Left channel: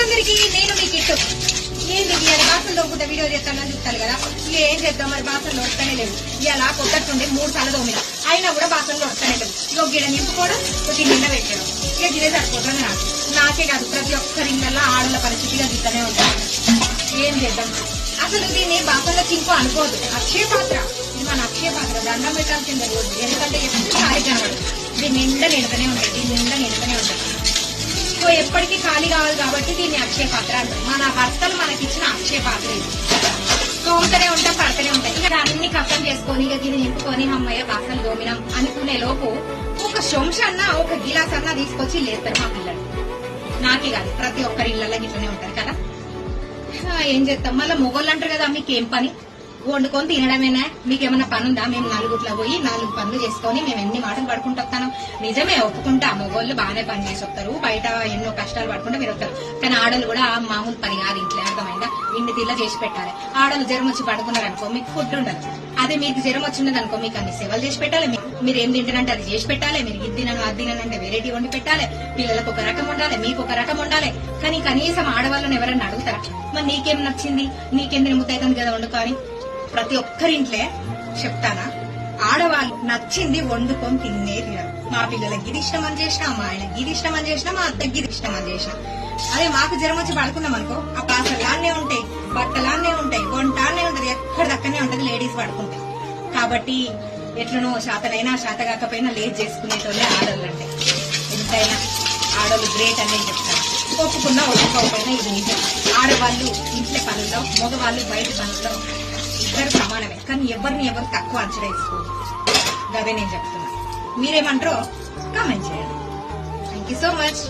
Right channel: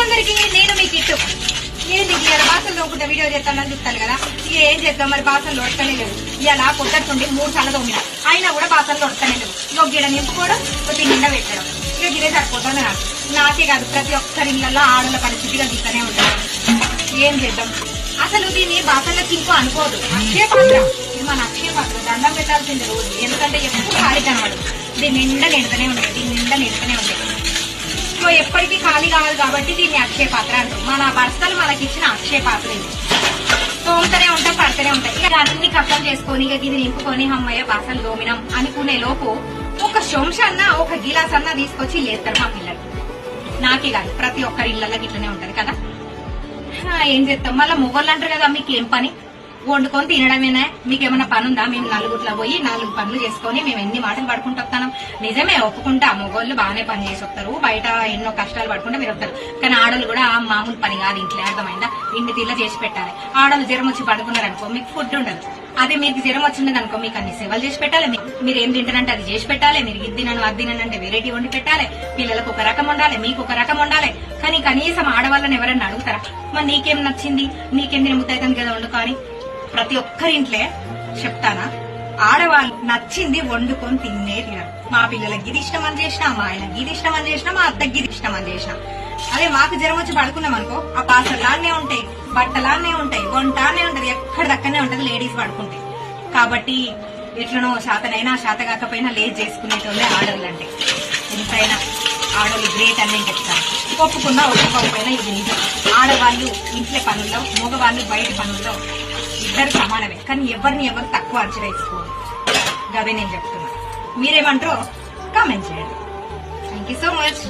అందరికి నేను మీ కిట్టు. ఏంది ఇవాళ బాసలు తోముకుంటే వీడియో చేస్తానని చూస్తాను కదా. ఇక ఏం చేద్దాం మరి, బాసలు ఉడకనే లేవు. ఇలా పొట్టట్టుండి 3 సార్లు తోమిన, అయినా కూడా బాసలు ఉడకనే లేవు. ఇక గిడ నింపుకోవడం, ఒక నిండా పెట్టడం, ఇక గిడే సరిపోతుంది నాకు. నాకే కాదు ప్రతి ఒక్కరి ఇళ్లలో ఆడల పరిస్థితిగా గిట్టనే ఉంటుంది. ఏం చేద్దాం అసలు. దీన్ని బాసల్లో చింపు అనుకోదు, అక్షయ పాత్ర. ఇది మన అక్షయ పాత్ర, దండం పెట్టాల్సిందే రోజు. ఎందుకంటే ఎప్పుడు ఖాళీ కనబడదు. దీని నిండా నిండుతూనే ఉంటాయి, దీని నిండా నిండుతూనే ఉంటాయి. సో ఎప్పటికీ ఖాళీ కావాలి కాబట్టి దీన్ని అక్షయ పాత్ర అంటారు. మన భర్తలు మనకి ఇచ్చిన అక్షయ పాత్ర ఇది. తోముతూనే ఉంటాం, పడుతూనే ఉంటాయి. ఇక అన్ని కష్టం చేసుకొని ఇక ఇది నింపుకొని అమ్మయ్య బాసలు దోమినం అనుకునే లోపు ఒక శంషన్న ఒక గిలాస్ అన్న తీసుకొచ్చి లేస్తారు మా పిల్లలు. నాకే కాదు ప్రతి ఒక్కరి ఇళ్లలో గిట్లనే ఉంటది కదా. ఏం చేస్తాం మళ్ళీ మొగోళ్ళు అంటారు కదా, మీకేం పని వండుకొని తినడమేనా, మీకేమన్నా పని ఉందా? మేము నలుగుట్లా పోయి 4 పనులు చేసుకొని మేము ఎన్ని మాటలు పడుకుంటూ వస్తాం. నిజమే, ఒప్పుకుంటా, మొగోళ్ళు బాగానే పని చేసి వస్తారు, బయట ఎన్నో కష్టాలు పడుకుంటూ మీరు వస్తారు. కానీ ఆడలు కూడా మామూలు పని కాదు ఇంట్లో, అర్థమైందా? ఇన్ని తీర్ల చేసి పెట్టాలి. ఆడలు జ్వరం వచ్చి పడుకున్నారనుకో మీకు ఫుడ్ ఉండదు. అదే మీకు జ్వరం వచ్చింది అనుకో మీకు అన్ని సేవలు చేసి పెట్టాలి. మీరు ఏం తింటారంటే అది చేసి పెట్టాలి. మీరు ఇది తినను అది తిననంటే వెరైటీ వండి పెట్టాలి. పిల్లలకు ఒక రకం ఉండాలి, మీకు ఒక రకం ఉండాలి. కానీ కనీసం ఆడవాళ్ళని ఎవరైనా అడుగుతారా? మరి నీకేం నచ్చింది, నీకేం తిరుగుతుంది కదా వండుకో అని? ప్రతి ఒక్కరి ఇంట్లో చెప్తానా, ఆడవాళ్ళు నచ్చింది వండుకొని తినే తినరు. మా పిల్లలకి ఇది ఇష్టం అని చేసినా, మా ఆయనకి ఇది ఇష్టం అని చేసినా, మా అత్తకి ఇది ఇష్టం అని చేసినా. అదే మాకు జ్వరం వచ్చి పడుకున్నాం అనుకో, ఆ పాసలానే ఉంటాయి, బట్టలానే ఉంటాయి, వంటానే ఉంటది, ఎక్కడ దక్కనే ఉంటది, లేడీస్ పడుకుంటాయి. కాబట్టి ఎట్లనో శాతనైనా శాత కాకపోయినా లేట్ చేసుకునేటోళ్ళే ఆడవాళ్ళు. అంటే ఎంతైనా ఆడవాళ్ళు గ్రేట్ అని నేను చెప్తాను. ఒప్పుకున్నా ఒప్పుకోకపోయినా ఇది నిజం. ఆడవాళ్ళు ఇంట్లో పనుల్లో, మగవాళ్ళు బయట పనుల్లో ఇద్దరు సమానమే. కానీ ఎవరిని ఎవరు తక్కువ అంచనా వేసుకోరు. అదే నేను చెప్తున్నా. మీరేమంటారో కామెంట్ చేయండి. Thank you so much.